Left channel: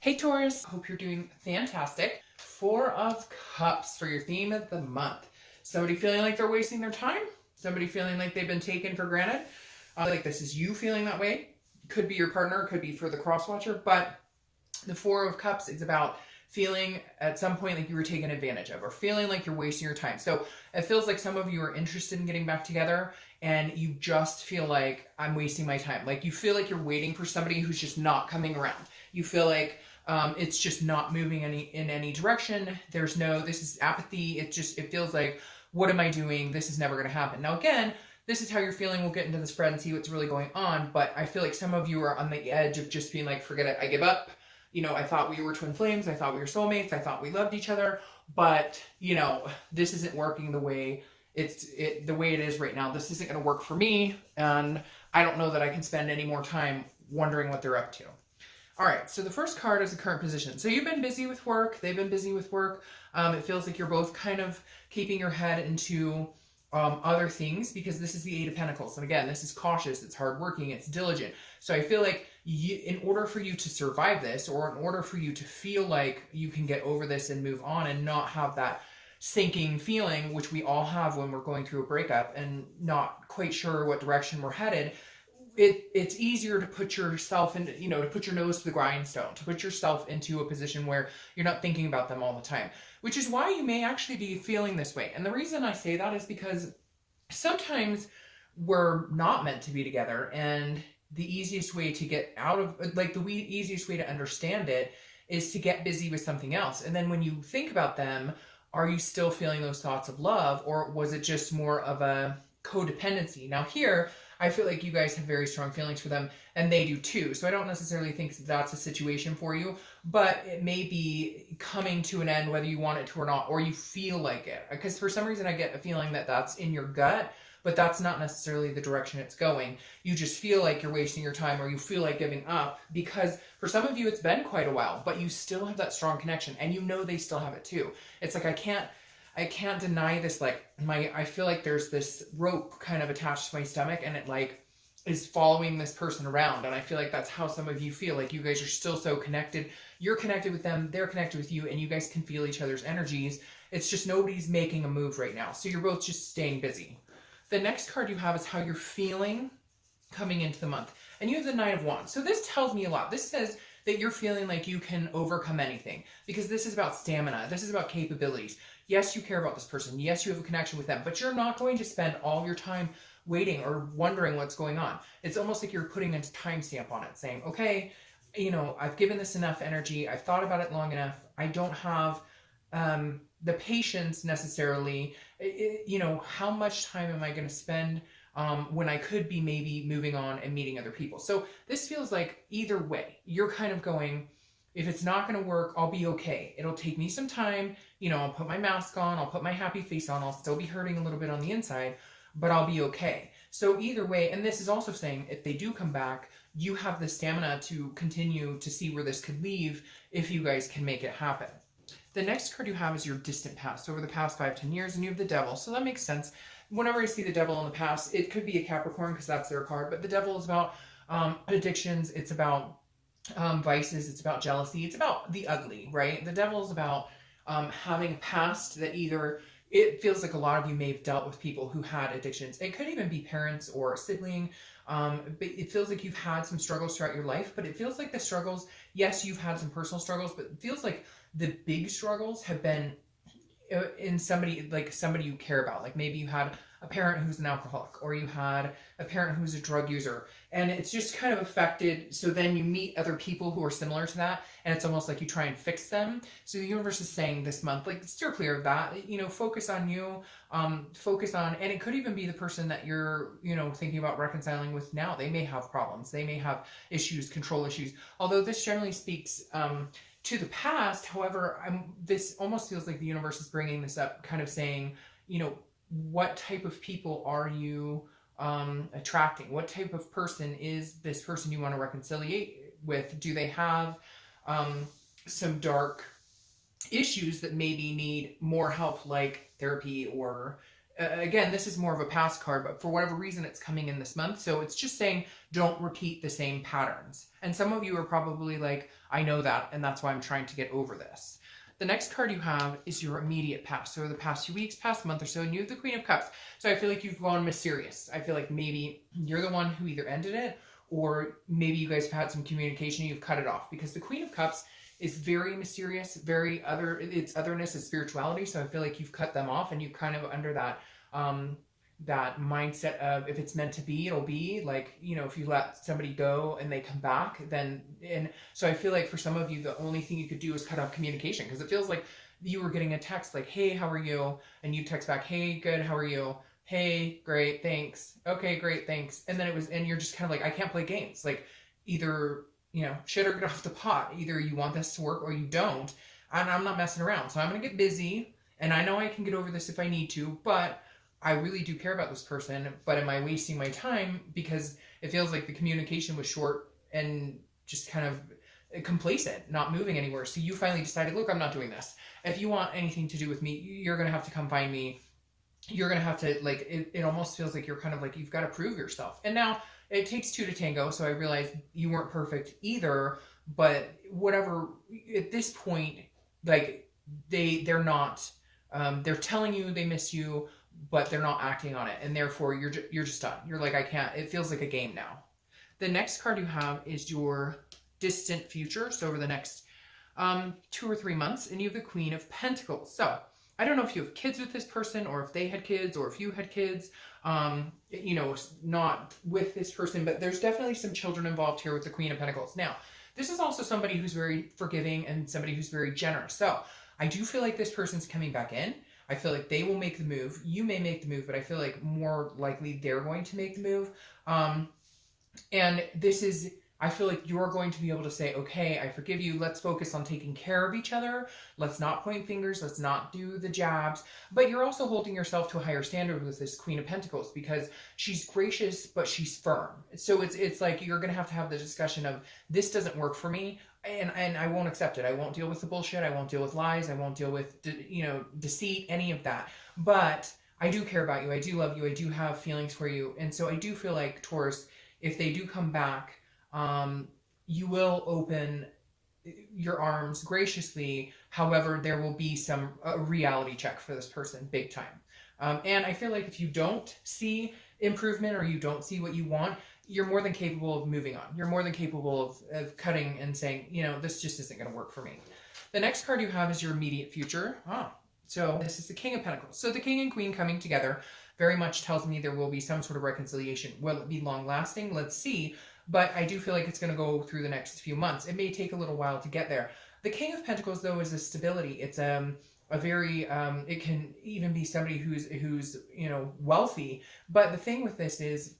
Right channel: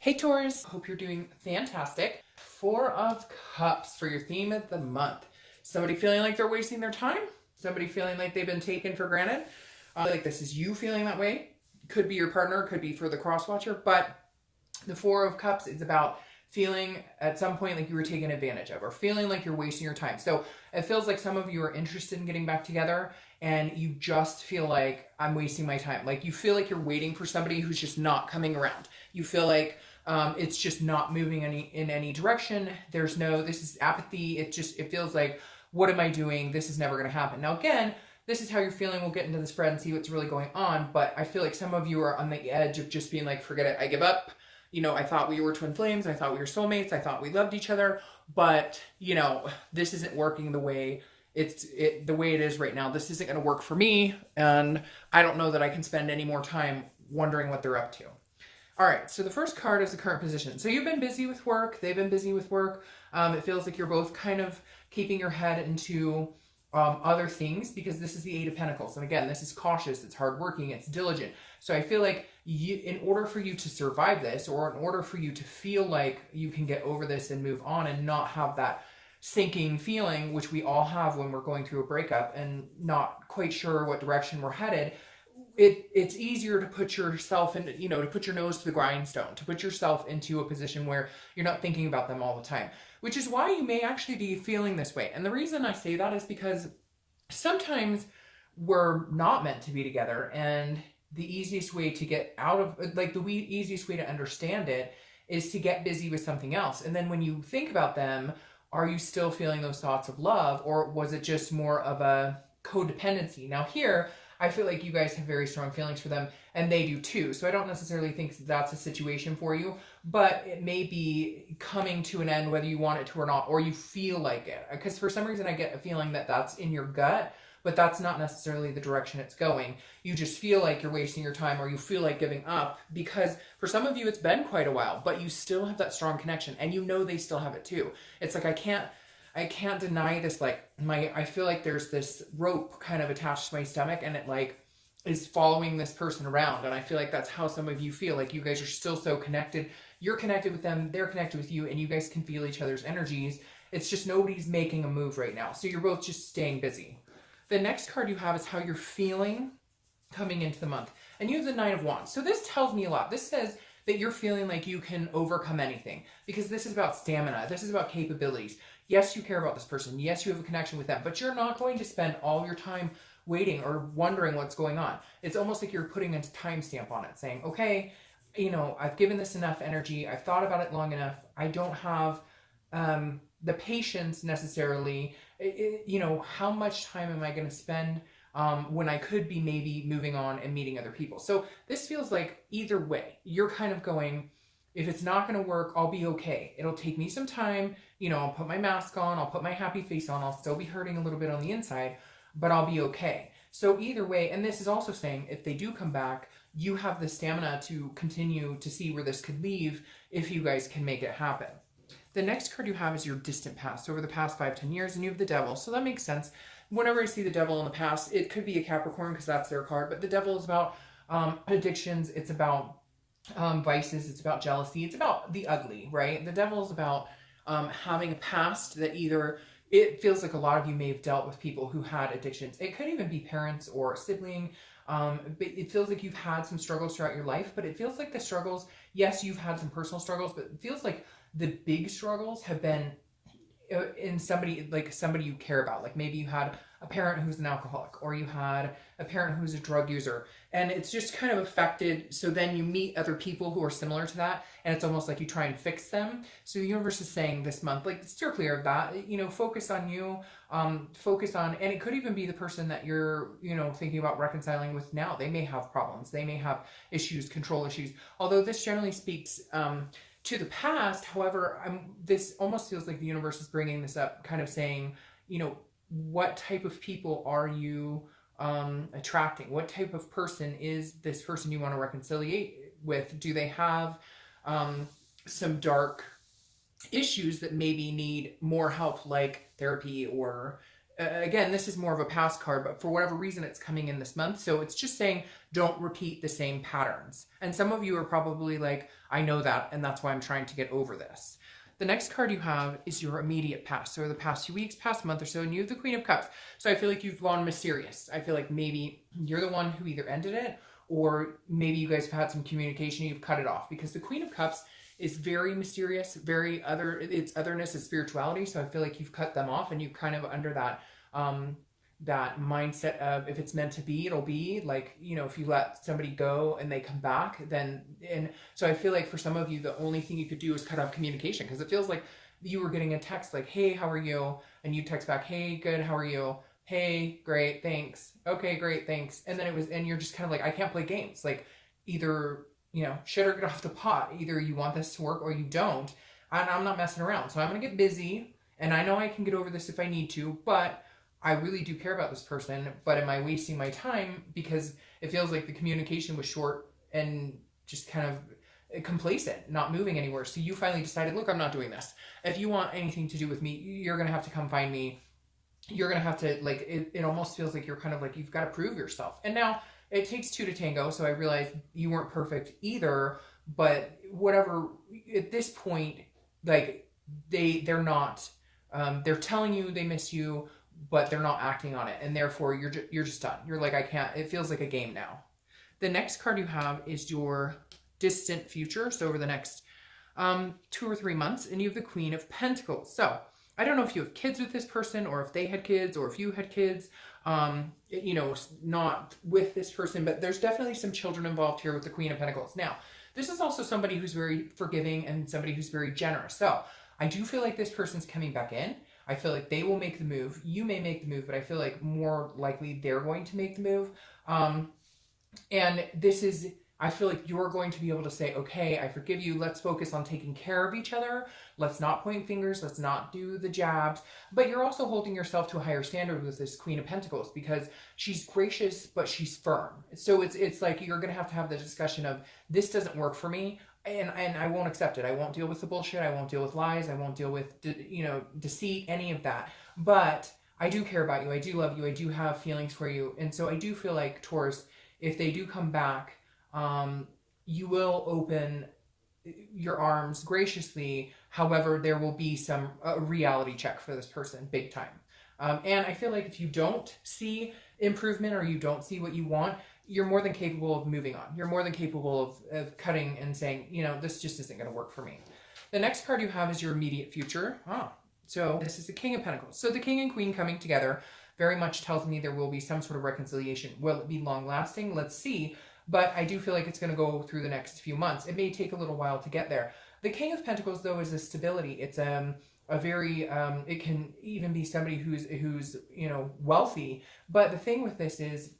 Hey Taurus, hope you're doing fantastic. Four of Cups for your theme of the month. Somebody feeling like they're wasting their time? Somebody feeling like they've been taken for granted? Like this is you feeling that way? Could be your partner, could be for the cross-watcher, but the Four of Cups is about feeling at some point like you were taken advantage of or feeling like you're wasting your time. So it feels like some of you are interested in getting back together and you just feel like I'm wasting my time. Like you feel like you're waiting for somebody who's just not coming around. You feel like it's just not moving in any direction. This is apathy. It feels like, what am I doing? This is never going to happen. Now, again, this is how you're feeling. We'll get into the spread and see what's really going on. But I feel like some of you are on the edge of just being like, forget it. I give up. I thought we were twin flames. I thought we were soulmates. I thought we loved each other. But, this isn't working the way the way it is right now. This isn't going to work for me. And I don't know that I can spend any more time wondering what they're up to. All right, so the first card is the current position. So you've been busy with work. They've been busy with work. It feels like you're both kind of keeping your head into other things because this is the Eight of Pentacles. And again, this is cautious. It's hardworking. It's diligent. So I feel like in order for you to survive this, or in order for you to feel like you can get over this and move on and not have that sinking feeling, which we all have when we're going through a breakup and not quite sure what direction we're headed, it's easier to put yourself in, to put your nose to the grindstone, to put yourself into a position where you're not thinking about them all the time, which is why you may actually be feeling this way. And the reason I say that is because sometimes we're not meant to be together, and the easiest way to get out of, easiest way to understand it is to get busy with something else. And then when you think about them, are you still feeling those thoughts of love, or was it just more of a codependency? Now here, I feel like you guys have very strong feelings for them, and they do too. So I don't necessarily think that's a situation for you, but it may be coming to an end whether you want it to or not, or you feel like it. Because for some reason I get a feeling that that's in your gut, but that's not necessarily the direction it's going. You just feel like you're wasting your time, or you feel like giving up, because for some of you it's been quite a while, but you still have that strong connection, and they still have it too. It's like I can't deny this. I feel like there's this rope kind of attached to my stomach, and it is following this person around. And I feel like that's how some of you feel. Like you guys are still so connected. You're connected with them, they're connected with you, and you guys can feel each other's energies. It's just nobody's making a move right now. So you're both just staying busy. The next card you have is how you're feeling coming into the month. And you have the Nine of Wands. So this tells me a lot. This says that you're feeling like you can overcome anything, because this is about stamina. This is about capabilities. Yes, you care about this person. Yes, you have a connection with them, but you're not going to spend all your time waiting or wondering what's going on. It's almost like you're putting a timestamp on it, saying, okay, I've given this enough energy. I've thought about it long enough. I don't have the patience necessarily. How much time am I going to spend when I could be maybe moving on and meeting other people? So this feels like either way, you're kind of going, if it's not going to work, I'll be okay. It'll take me some time. I'll put my mask on. I'll put my happy face on. I'll still be hurting a little bit on the inside, but I'll be okay. So either way, and this is also saying if they do come back, you have the stamina to continue to see where this could lead if you guys can make it happen. The next card you have is your distant past, over the past 5-10 years, and you have the Devil. So that makes sense. Whenever you see the Devil in the past, it could be a Capricorn because that's their card, but the Devil is about addictions. It's about vices. It's about jealousy. It's about the ugly, right? The Devil is about having a past that it feels like a lot of you may have dealt with people who had addictions. It could even be parents or a sibling. But it feels like you've had some struggles throughout your life, but it feels like the struggles, yes, you've had some personal struggles, but it feels like the big struggles have been in somebody you care about. Like maybe you had a parent who's an alcoholic, or you had a parent who's a drug user, and it's just kind of affected. So then you meet other people who are similar to that, and it's almost like you try and fix them. So the universe is saying this month, steer clear of that. Focus on you, focus on, and it could even be the person that you're, thinking about reconciling with now. They may have problems. They may have issues, control issues. Although this generally speaks to the past. However, this almost feels like the universe is bringing this up, kind of saying, what type of people are you attracting? What type of person is this person you want to reconcile with? Do they have some dark issues that maybe need more help, like therapy or again, this is more of a past card, but for whatever reason, it's coming in this month. So it's just saying, don't repeat the same patterns. And some of you are probably like, I know that, and that's why I'm trying to get over this. The next card you have is your immediate past. So the past 2 weeks, past month or so, and you have the Queen of Cups. So I feel like you've gone mysterious. I feel like maybe you're the one who either ended it, or maybe you guys have had some communication and you've cut it off, because the Queen of Cups is very mysterious, very it's otherness and spirituality. So I feel like you've cut them off, and you kind of under that that mindset of, if it's meant to be, it'll be. Like, you know, if you let somebody go and they come back, then, and so I feel like for some of you, the only thing you could do is cut off communication, because it feels like you were getting a text like, hey, how are you? And you text back, hey, good, how are you? Hey, great, thanks. Okay, great, thanks. And then and you're just kind of like, I can't play games. Like, either, you know, shit or get off the pot. Either you want this to work or you don't. And I'm not messing around. So I'm going to get busy, and I know I can get over this if I need to, but I really do care about this person. But am I wasting my time? Because it feels like the communication was short and just kind of complacent, not moving anywhere. So you finally decided, look, I'm not doing this. If you want anything to do with me, you're going to have to come find me. You're going to have to, like, it almost feels like you're kind of like, you've got to prove yourself. And now it takes two to tango. So I realized you weren't perfect either, but whatever, at this point, like, they're not, they're telling you they miss you, but they're not acting on it. And therefore you're just done. You're like, I can't, it feels like a game now. The next card you have is your distant future. So over the next 2 or 3 months, and you have the Queen of Pentacles. So I don't know if you have kids with this person, or if they had kids, or if you had kids, you know, not with this person, but there's definitely some children involved here with the Queen of Pentacles. Now, this is also somebody who's very forgiving and somebody who's very generous. So I do feel like this person's coming back in. I feel like they will make the move. You may make the move, but I feel like more likely they're going to make the move. And this is, I feel like you're going to be able to say, okay, I forgive you. Let's focus on taking care of each other. Let's not point fingers. Let's not do the jabs. But you're also holding yourself to a higher standard with this Queen of Pentacles, because she's gracious, but she's firm. So it's like you're going to have the discussion of, this doesn't work for me, and I won't accept it. I won't deal with the bullshit. I won't deal with lies. I won't deal with, you know, deceit, any of that. But I do care about you. I do love you. I do have feelings for you. And so I do feel like, Taurus, if they do come back, you will open your arms graciously. However, there will be some reality check for this person, big time. And I feel like if you don't see improvement, or you don't see what you want, you're more than capable of moving on. You're more than capable of cutting and saying, you know, this just isn't going to work for me. The next card you have is your immediate future. So this is the King of Pentacles. So the King and Queen coming together very much tells me there will be some sort of reconciliation. Will it be long lasting? Let's see. But I do feel like it's going to go through the next few months. It may take a little while to get there. The King of Pentacles, though, is a stability. It's a very, it can even be somebody who's, you know, wealthy. But the thing with this is,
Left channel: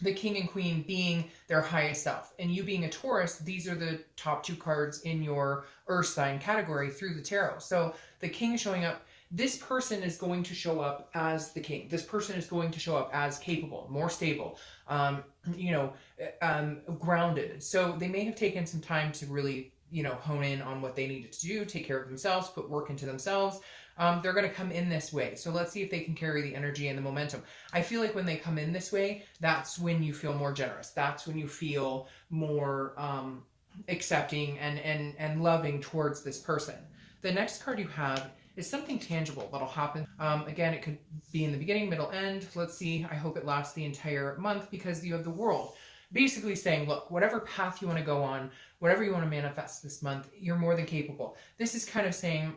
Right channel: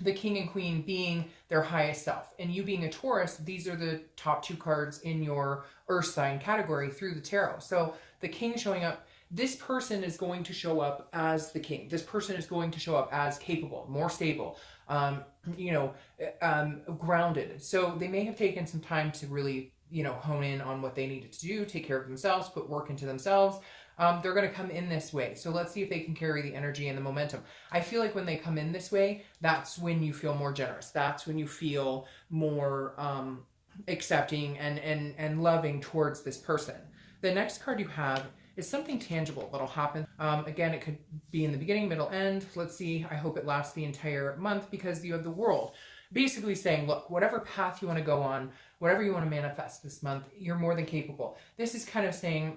the King and Queen being their highest self, and you being a Taurus, these are the top 2 cards in your Earth sign category through the tarot. So the King showing up, this person is going to show up as the King. This person is going to show up as capable, more stable, you know, grounded. So they may have taken some time to really, you know, hone in on what they needed to do, take care of themselves, put work into themselves. They're going to come in this way. So let's see if they can carry the energy and the momentum. I feel like when they come in this way, that's when you feel more generous. That's when you feel more accepting and loving towards this person. The next card you have is something tangible that'll happen. Again, it could be in the beginning, middle, end. Let's see. I hope it lasts the entire month, because you have the World basically saying, look, whatever path you want to go on, whatever you want to manifest this month, you're more than capable. This is kind of saying,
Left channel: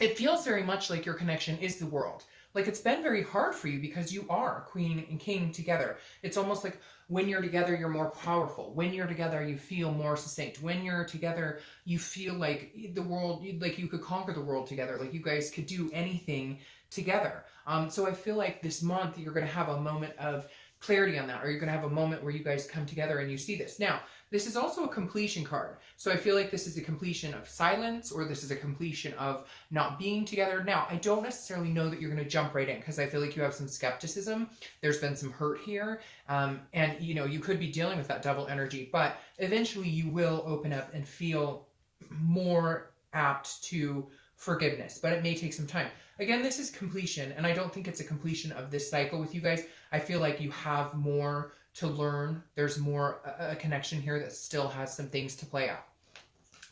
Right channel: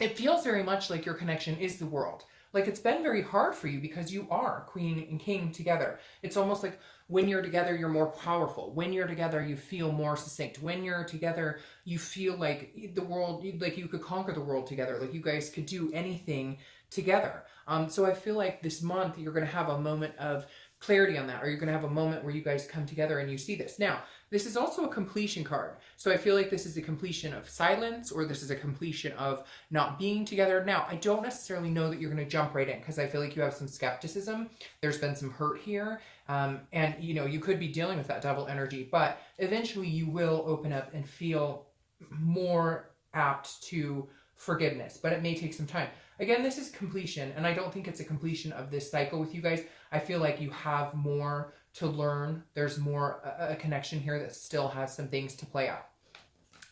it feels very much like your connection is the World. Like, it's been very hard for you because you are Queen and King together. It's almost like when you're together, you're more powerful. When you're together, you feel more succinct. When you're together, you feel like the world, like you could conquer the world together. Like you guys could do anything together. So I feel like this month, you're going to have a moment of clarity on that, or you're going to have a moment where you guys come together and you see this. Now, this is also a completion card. So I feel like this is a completion of silence, or this is a completion of not being together. Now, I don't necessarily know that you're going to jump right in, because I feel like you have some skepticism. There's been some hurt here. And, you know, you could be dealing with that double energy, but eventually you will open up and feel more apt to forgiveness, but it may take some time. Again, this is completion, and I don't think it's a completion of this cycle with you guys. I feel like you have more to learn. There's more a connection here that still has some things to play out.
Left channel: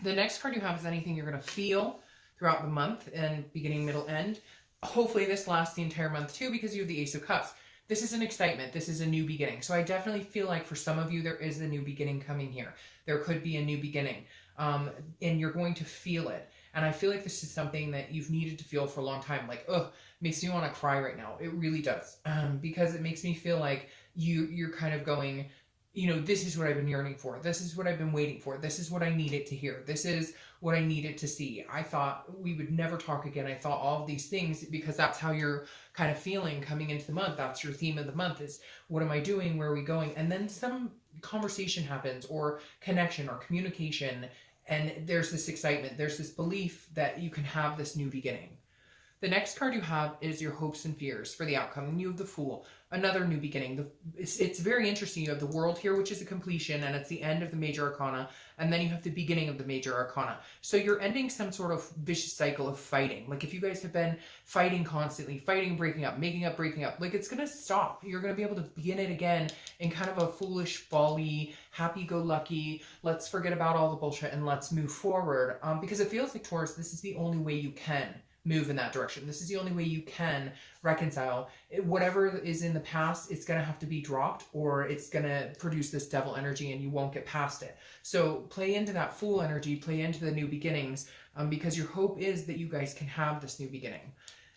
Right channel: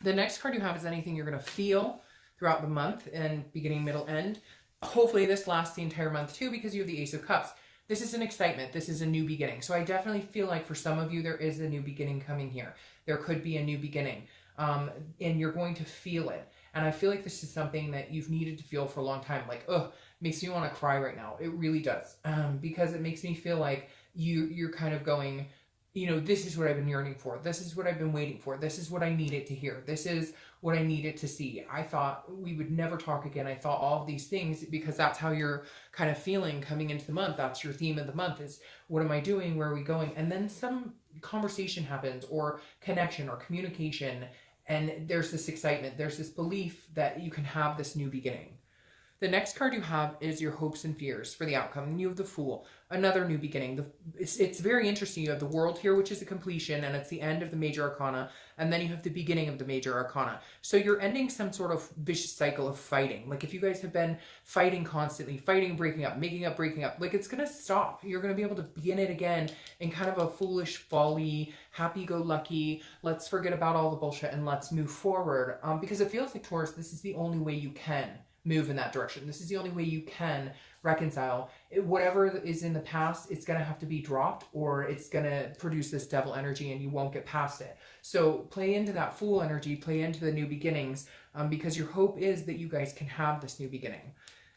The next card you have is anything you're going to feel throughout the month and beginning, middle, end. Hopefully this lasts the entire month too, because you have the Ace of Cups. This is an excitement. This is a new beginning. So I definitely feel like for some of you, there is a new beginning coming here. There could be a new beginning, and you're going to feel it. And I feel like this is something that you've needed to feel for a long time. Like, oh, makes me want to cry right now. It really does, because it makes me feel like you're kind of going, you know, this is what I've been yearning for. This is what I've been waiting for. This is what I needed to hear. This is what I needed to see. I thought we would never talk again. I thought all of these things, because that's how you're kind of feeling coming into the month. That's your theme of the month is, what am I doing? Where are we going? And then some conversation happens, or connection, or communication. And there's this excitement. There's this belief that you can have this new beginning. The next card you have is your hopes and fears for the outcome. And you have the Fool, another new beginning. It's very interesting. You have the World here, which is a completion, and it's the end of the major arcana. And then you have the beginning of the major arcana. So you're ending some sort of vicious cycle of fighting. Like if you guys have been fighting constantly, fighting and breaking up, making up, breaking up, like it's going to stop. You're going to be able to begin it again in kind of a foolish, folly, happy-go-lucky, let's forget about all the bullshit and let's move forward. Because it feels like, Taurus, this is the only way you can move in that direction. This is the only way you can reconcile. Whatever is in the past, it's going to have to be dropped, or it's going to produce this devil energy and you won't get past it. So play into that Fool energy, play into the new beginnings, because your hope is that you guys can have this new beginning.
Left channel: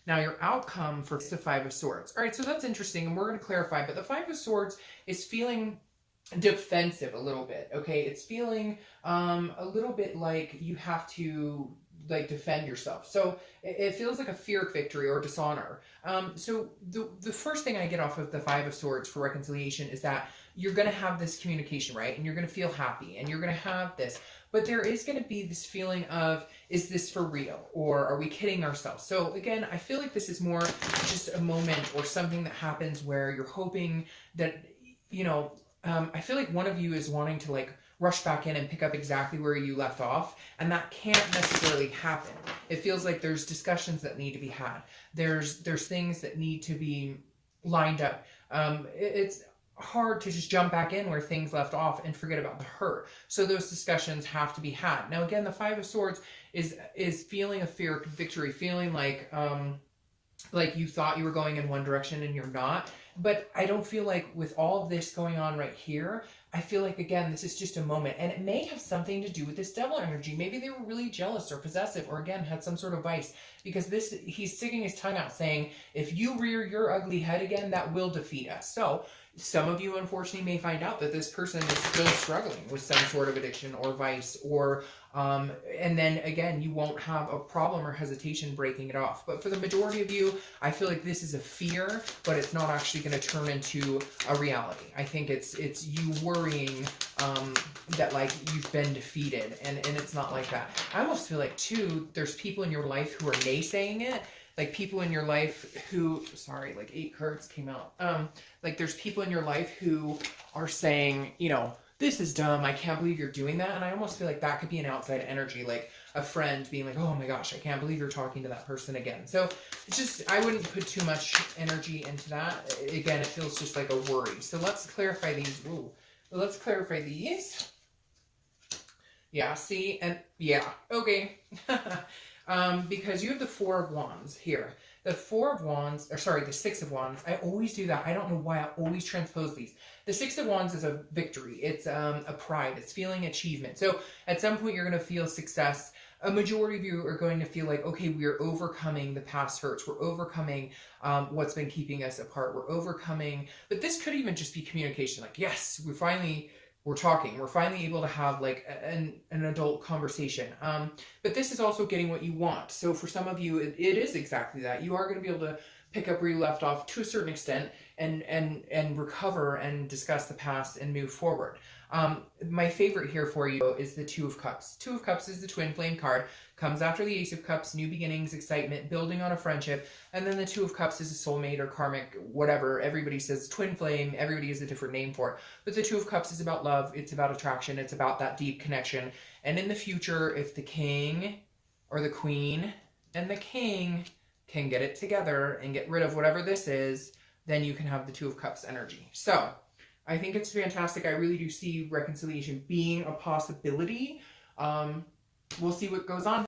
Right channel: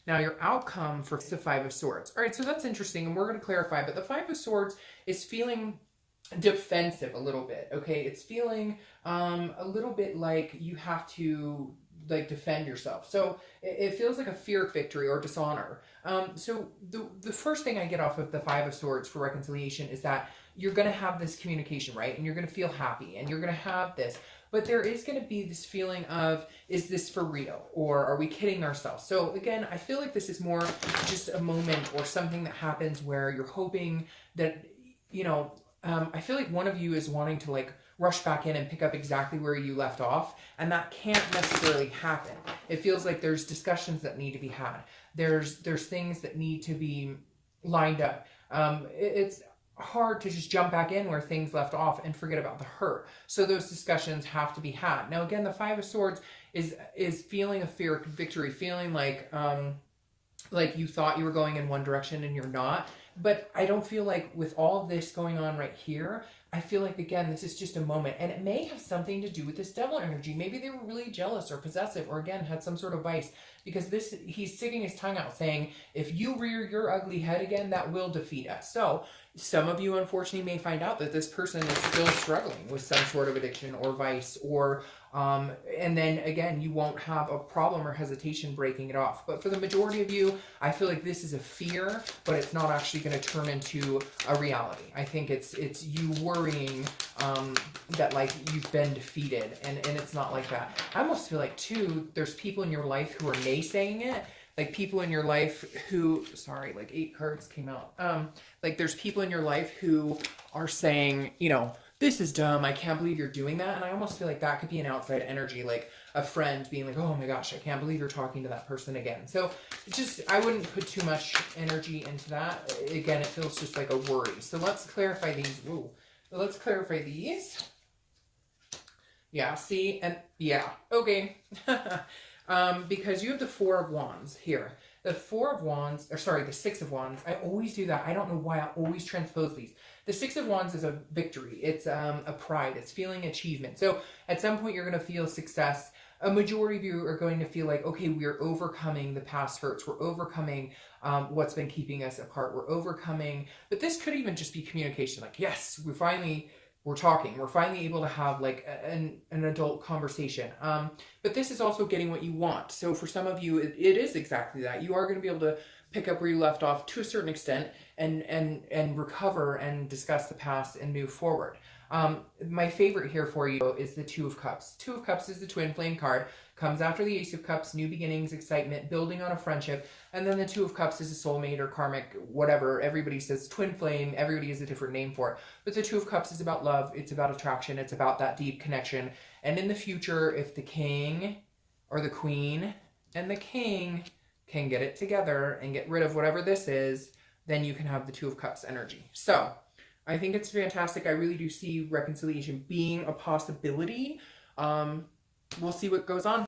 Now your outcome for the Five of Swords. All right, so that's interesting, and we're going to clarify, but the Five of Swords is feeling defensive a little bit, okay? It's feeling a little bit like you have to like defend yourself. So it feels like a fear of victory or dishonor. So the first thing I get off of the Five of Swords for reconciliation is that you're going to have this communication, right? And you're going to feel happy, and you're going to have this. But there is going to be this feeling of, is this for real? Or are we kidding ourselves? So again, I feel like this is more just a moment or something that happens where you're hoping that, you know, I feel like one of you is wanting to like rush back in and pick up exactly where you left off, and that can't necessarily happen. It feels like there's discussions that need to be had. There's things that need to be lined up. It's hard to just jump back in where things left off and forget about the hurt. So those discussions have to be had. Now again, the Five of Swords is feeling a fear of victory, feeling like you thought you were going in one direction and you're not. But I don't feel like with all of this going on right here, I feel like, again, this is just a moment. And it may have something to do with this devil energy. Maybe they were really jealous or possessive, or again, had some sort of vice. Because he's sticking his tongue out saying, if you rear your ugly head again, that will defeat us. So some of you, unfortunately, may find out that this person is still struggling with some sort of addiction or vice, or and then again, you won't have a problem or hesitation breaking it off. But for the majority of you, I feel like this is a fear, but it's not actually going to turn into a reality. I think it's you worrying that like you've been defeated, and it's not like that. I almost feel like too, there's people in your life who are naysaying it. Like people in your life who, sorry, like 8 cards came out. Like there's people in your life who are saying, you know, this is dumb. I can't believe you're doing that. And I almost feel like that could be an outside energy, like a friend being like, oh my gosh, I can't believe you're talking to that person again. So it's just, I wouldn't put too much energy into that. Again, it feels just like a worry. So let's clarify these. Ooh, let's clarify these. Yeah, see, and yeah, okay. Because you have the Four of Wands here. The Four of Wands, or sorry, the Six of Wands. I always do that. I don't know why I always transpose these. The Six of Wands is a victory. It's a pride. It's feeling achievement. So at some point you're going to feel success. A majority of you are going to feel like, okay, we're overcoming the past hurts. We're overcoming what's been keeping us apart. We're overcoming, but this could even just be communication. Like, yes, we're talking. We're finally able to have like an adult conversation. But this is also getting what you want. So for some of you, it is exactly that. You are going to be able to pick up where you left off to a certain extent and recover and discuss the past and move forward. My favorite here for you is the Two of Cups. Two of Cups is the twin flame card. Comes after the Ace of Cups, new beginnings, excitement, building on a friendship. And then the Two of Cups is a soulmate or karmic, whatever. Everybody says twin flame. Everybody has a different name for it. But the Two of Cups is about love. It's about attraction. It's about that deep connection. And in the future, if the king or the queen and the king can get it together and get rid of whatever this is, then you can have the Two of Cups energy. So I think it's fantastic. I really do see reconciliation being a possibility. We'll see what goes on.